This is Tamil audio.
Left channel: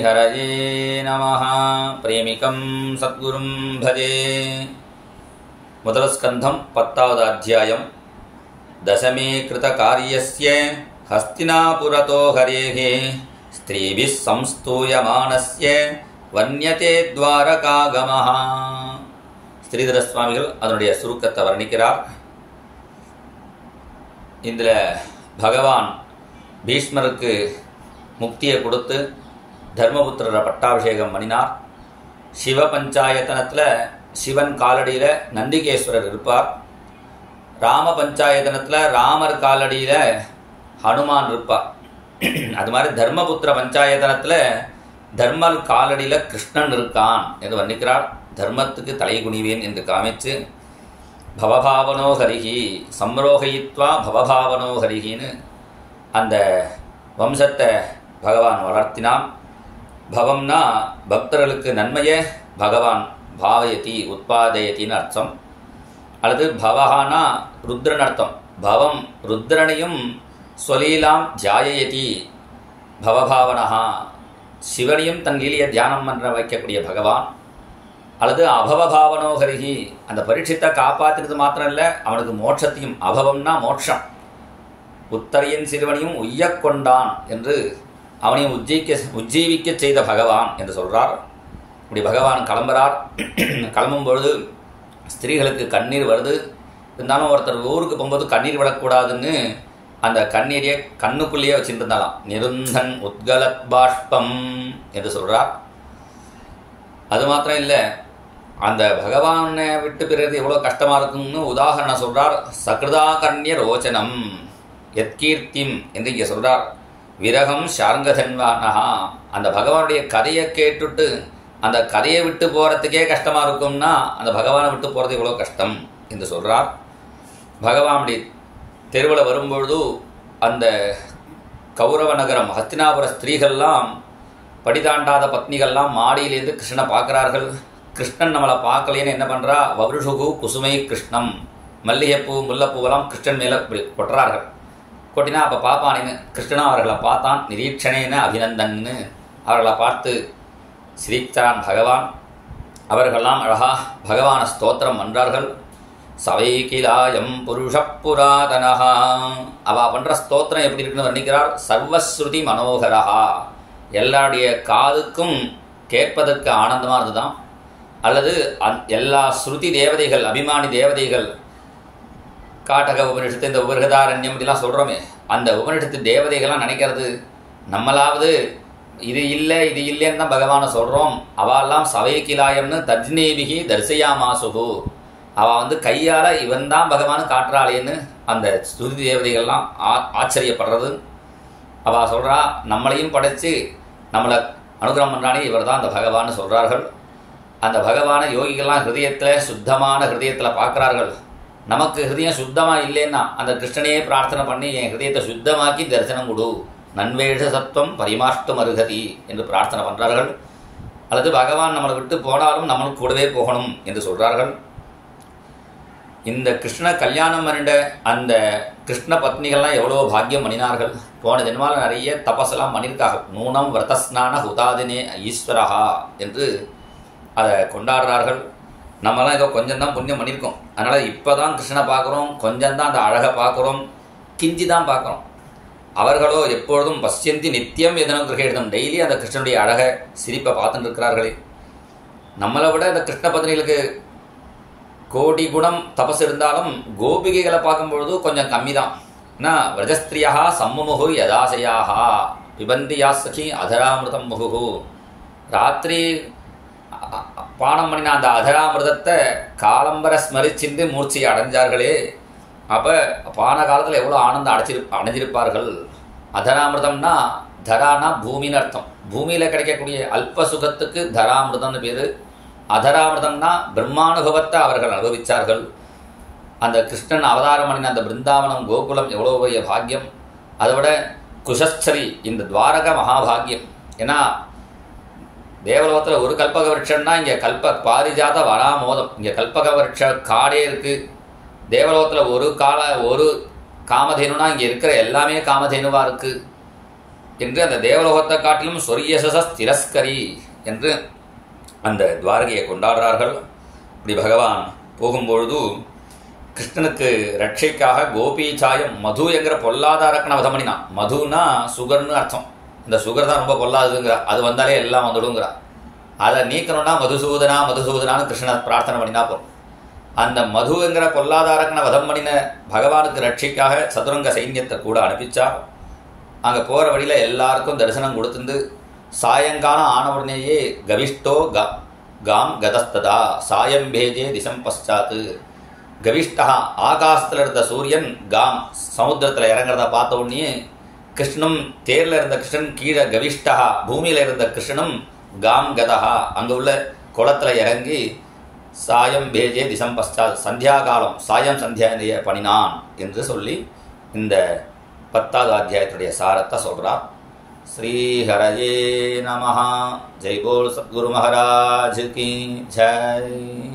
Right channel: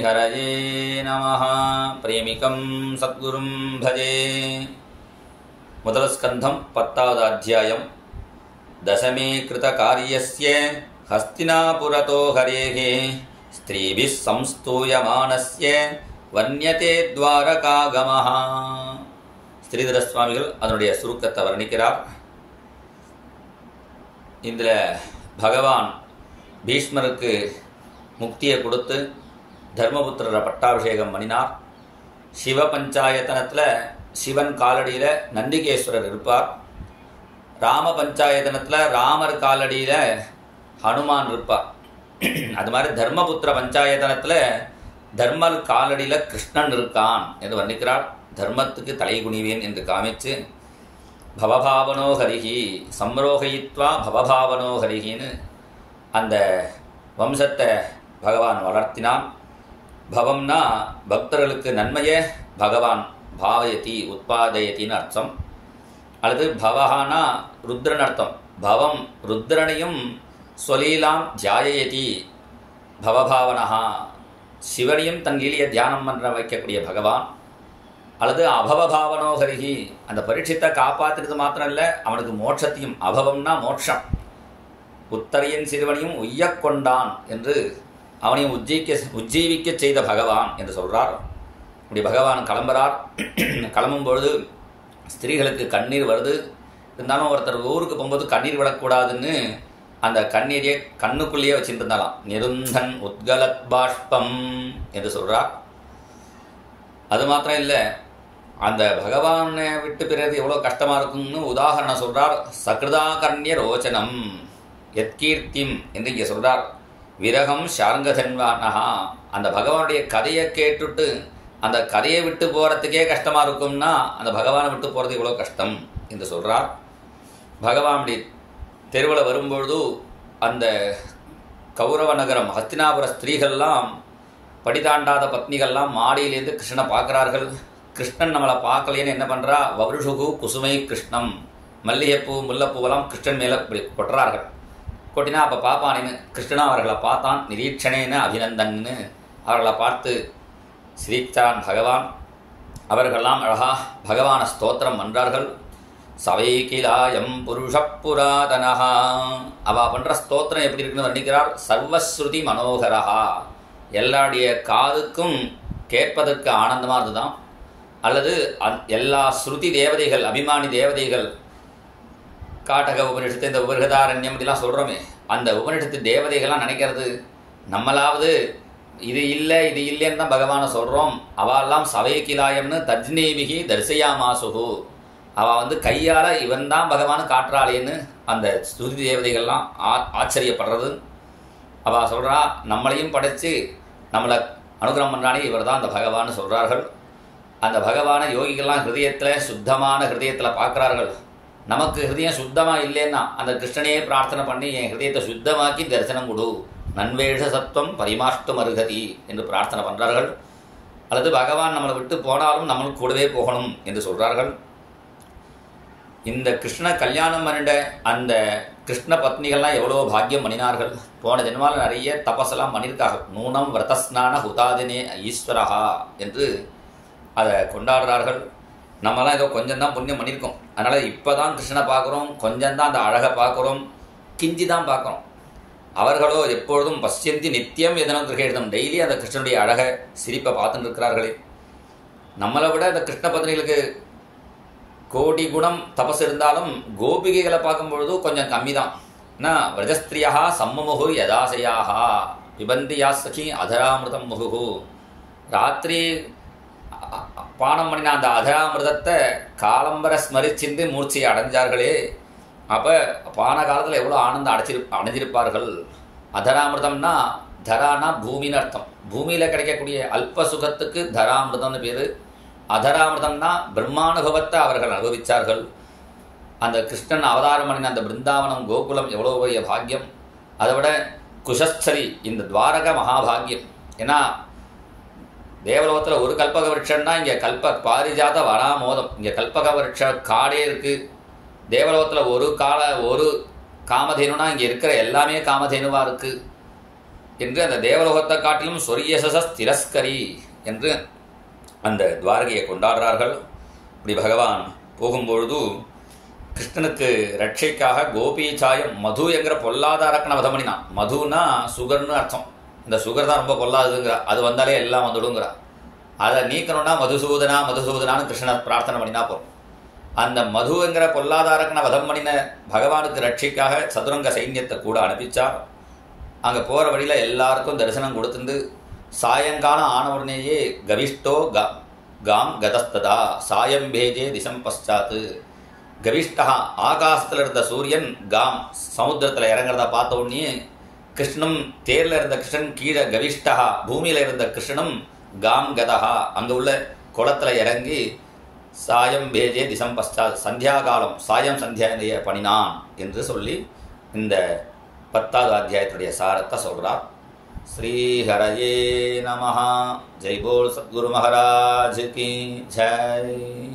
श्रीहरये नमः। प्रेमिकं सद्गुरुं भजे। முதல் ஸ்கந்தம் 10வது அத்தியாயம். தசமே கிருதகாரியஸ்ய ஹஸ்தினாபுரதோ ஹரேஹே ஸ்திரீபிஸ் சம்ஸ்தூயமானஸ்ய வர்ணியதே துவாரகாகமஹ. ஸ்ரீதர சுவாமிகள் அதனுடைய சுருக்கத்தை வர்ணிக்கிறார். இதில் பகவான் பீஷ்மருக்கு முக்தியை கொடுத்து தர்மபுத்திரரை பட்டாபிஷேகம் பண்ணினார். சிவ பஞ்சாயத்தனத்தில் சிவன் காலடியில் நந்திகேஸ்வரர் இருப்பார். ராம பஞ்சாயத்தனத்தில் ராமர் காலடியில் ஹனுமான் இருப்பார். அது மாதிரி தர்மபுத்திர பஞ்சாயத்தனத்தில் தர்மர் காலடியில் கிருஷ்ணன் இருக்கான் என்று வர்ணிக்கிறார். தர்மத்துக்கு தலை குனிவேன் என்று காமிச்சு பவபாவனோ ஹரிஹி சம்ரோகயித்வா பவபாவனோ ஹரிஹின்னு அந்த வம்சத்தை பகவான் வளர்த்தினான். பவம்னா பக்தர்களுக்கு நன்மையை பகவான் பாவயதி உத்பாதயத்தின்னு அர்த்தம். அல்லது பவஹானா ருத்ரன் அர்த்தம். பவம் ருத்ரனையும் ஸ்வலீலாம் தியாயயதி பவபாவனஹா சிவனையும் தன் லீலையை தியானம் பண்ண வைக்கக்கூடிய பகவான். அல்லது அபவபாவனோ ஹரிஹி அந்த பரீட்சித்தை காப்பாற்றினது மாத்திரம் இல்லை, அவனுக்கு மோட்சத்தையும், அபவம்னா மோட்சம், உத்தரையின் சிறுவனையும் உய்யக் கொண்டான் என்று அவனையும் உஜ்ஜீவிக்க செய்த பகவான் என்று சொல்றார். இப்படி பகவான் கிளம்புறார். கிளம்பும் பொழுது ஸ்திரீகளுக்கு கண்ணீர் வருது. இருந்தாலும் ஒருத்தர் ஊருக்கு போகும்போது கண்ணீர் விடக்கூடாதுன்னு அந்த கண்ணீரையே கண்ணுக்குள்ளேயே வச்சுட்டு இருந்தாலாம். நிருந்தன் உத்கலத் பாஷ்பம் என்று சொல்றார். அது மாத்திரம் இல்லை, அந்த பகவானை விட்டு பிறகு எவ்வளோ கஷ்டமா இருக்கும்னு உதாரணம் சொல்றார். சகிருதாகர்ணிய ரோச்சனம் எத்கீர்த்திம் என்று இங்கே சொல்றார். விரகம் ஷார்ங்கதன்வானஹா அந்த பகவானுடைய கதையை கேட்டுட்டு அந்த கதையை விட்டு போகிறதுக்கே கஷ்டமாக இருக்கும்னா அந்த பகவானை விட்டு போகிறது இவ்வளோ கஷ்டம் என்று சொல்கிறார். பகவானுடைய தெருவில் வரும்பொழுது அந்த கௌரவ நகரம் ஹஸ்தினாபுர ஸ்திரீகள்லாம் படிதாண்டாத பத்னிகள்லாம் மாடியிலேருந்து கிருஷ்ணனை பார்க்குறார்கள். கிருஷ்ணன் நம்மளை பார்க்கலேன்னு என்ன பண்ணுறா, வவ்ருஷுகு குசுமை கிருஷ்ணம் மல்லிகைப்பூ முல்லைப்பூவெல்லாம் கிருஷ்ணன் மேலே கொட்டுறார்கள். கொட்டினா அப்போ பார்ப்பானேன்னு கிருஷ்ணனா அவர்களை பார்த்தான். நிரீட்சணேன்னு அபிநந்தன்னு அவர்களை பார்த்து சிரித்தான் பகவான். அவர்களெல்லாம் அழகா பகவான ஸ்தோத்திரம் பண்றார்கள். சவைகிலாயம் புருஷ புராதனஹா அவ பண்ற ஸ்தோத்திரம் எப்படி இருக்குன்னு வர்ணிக்கிறார். சர்வஸ்ருதி மனோகரஹா எல்லாருடைய காதுக்கும் கேட்பதற்கு ஆனந்தமா இருந்துதான். அல்லது எல்லா ஸ்ருதி தேவதைகள் அபிமானி தேவதைகள் காட்டக உபனிஷத்து இந்த உபரிகதாரண்யம் இதெல்லாம் சொல்கிறோமே, அந்த உபனிஷத்து தேவதைகள்லாம் நினைக்கிறது நம்மளாவது இது இல்லை இது இல்லைன்னு தான் பகவானை சொல்கிறோம். அவெல்லாம் சவைக்கிலாயம்னு தஜ்னேபிகி தரிசையாமாசுகு அவள் கையால் இவன் தான் பகவானு காட்டுறாளேன்னு அந்த ஸ்ருதி தேவதைகள்லாம் ஆச்சரியப்படுறது. அவள் சொல்கிறா நம்மளையும் படைச்சு நம்மளை அனுகிரகம் பண்ணுறானே இவர் தான் அந்த பகவான்னு சொல்கிறார்கள். அந்த பகவானை யோகிகள்லாம் ஹிருதயத்தில் சுத்தமான ஹிருதயத்தில் பார்க்குறார்கள். நமக்கு ஹிருதயம் சுத்தமாக இல்லைன்னா அந்த கிருஷ்ணனையே பிரார்த்தனை பண்ணி என் ஹிருதயத்தை சுத்தமாக்கி தரிசனம் கொடு, நன்வேஷ சத்வம் பரிமாஷ்டு மருகதி என்று பிரார்த்தனை பண்ணுறார்கள். அல்லது பகவான் நம்மளை விட்டு போனாலும் நம்மளுக்கு கூடவே போகணும் என்று சொல்கிறார்கள். இந்த கிருஷ்ண கல்யாணம் பண்ணிட அந்த கிருஷ்ண பத்னிகள்லாம் எவ்வளோ பாக்கியம் பண்ணினார்கள். போன ஜென்மாவில் நிறைய தபஸெல்லாம் பண்ணியிருக்கார்கள். நூனம் விரதஸ்நான ஹுதாதினே ஈஸ்வரஹா என்று அதை கொண்டாடுறார்கள். நம்மலாம் ஏதோ கொஞ்சம் தான் புண்ணியம் பண்ணியிருக்கோம். அதனால் இப்போ தான் கிருஷ்ணனை பார்க்குறோம், கொஞ்சம் தான் அந்த அழகை பார்க்குறோம், கிஞ்சி தான் பார்க்குறோம். அவர்களோ எப்பொழுதும் பசியந்தி நித்தியம் எதனும் கிரகிடம் டெய்லி அந்த கிருஷ்ணனுடைய அழகை சிரிப்பை பார்த்துட்டு இருக்கிறார்களே. நம்மளை விட இந்த கிருஷ்ண பத்னிகளுக்கு கோடி குணம் தபஸ் இருந்தாலும் கோபிகைகளை பார்க்கும்பொழுது கொஞ்சம் கம்மி தான். ஏன்னா விரஜஸ்திரியா சம்முமுகு யதாசையாக பிபந்தியா சகி அதராமிருதம் முகு ராத்திரி பானம் பண்ணின அந்த அதராமிருதத்தை காலம்பர ஸ்மரிச்சிருந்து மூர்ச்சியை அடைஞ்சார்களே. அப்போ பான காலத்தில் எவ்வளோ ஆனந்தம் அடைஞ்சிருப்பார்கள். அதராமிருதம்னா தரானா பூமின்னு அர்த்தம். பூமியில் கிடைக்கக்கூடிய அல்ப சுகத்துக்கு தராமிருதம்னு பேர். அதராமிருதம்னா பிரம்மானுபவத்தை அவர்கள் அனுபவித்தார்கள். அந்த கிருஷ்ணன் அவதாரம் பண்ணின அந்த பிருந்தாவனம் கோகுலம் எவ்வளோ பெரிய பாக்கியம். அதை விட குஷஸ்தலி இந்த துவாரக மகாபாகியம். ஏன்னா தேவலோகத்தில் ஒரு கல்பக விருட்சம்னா இங்கே பாரிஜாத வனாமோதம், இங்கே கல்பக விருட்ச காடே இருக்குது. தேவலோகத்தில் ஒரு காமதேனுனா இங்கே இருக்கிற எல்லாமே காமதேனுவாக இருக்குது. என்று அந்த தேவலோகத்தை காட்டிலும் சொரியசஸ் திரஸ்கரி என்று அந்த துவாரகையை கொண்டாடுறார்கள். இப்படி பகவான் போகும்பொழுது கிருஷ்ணனுக்கு ரட்சைக்காக கோபீச்சாயம் மது என்கிற பொல்லாத அரக்கனை வதம் பண்ணினான். மதுனா சுகர்னு அர்த்தம். இந்த சுகர் தான் ரொம்ப பொல்லாதுங்கிற, அது வந்தாலே எல்லாம் வந்துடுங்கிற. அதை நீக்கணும்னா மதுசூதனா மதுசூதனான்னு கிருஷ்ணன் பிரார்த்தனை பண்ணினா போகும். அந்த மது என்கிற பொல்லாத அரக்கனை வதம் பண்ணின பகவானுக்கு ரட்சைக்காக சதுரங்க சைன்யத்தை கூட அனுப்பிச்சா. அங்கே போகிற வழியில் எல்லாருக்கும் தரிசனம் கொடுத்துருந்து சாயங்காலம் ஆன உடனேயே கவிஷ்டோ காம் கதஸ்ததா சாயம் பேஜே திசம் பஷாத்து. கவிஷ்டா ஆகாசத்தில் இருந்த சூரியன் காம் சமுத்திரத்தில் இறங்குறத பார்த்த உடனே கிருஷ்ணனும் தேரில் இருந்த கிருஷ்ணன் கீழே கவிஷ்டா பூமியில் இருந்த கிருஷ்ணனும் காம் கதா அங்கே உள்ள குளத்தில் இறங்கி சாயம் பேஜே திசம் பஷாத் சந்தியா காலம் சாயம் சந்தியா பண்ணினான் என்று சொல்லி இந்த 10வது அத்தியாயத்துடைய சாரத்தை சொல்றார். श्रीहरये नमः. जय बोल सद्गुरु महाराज की जय.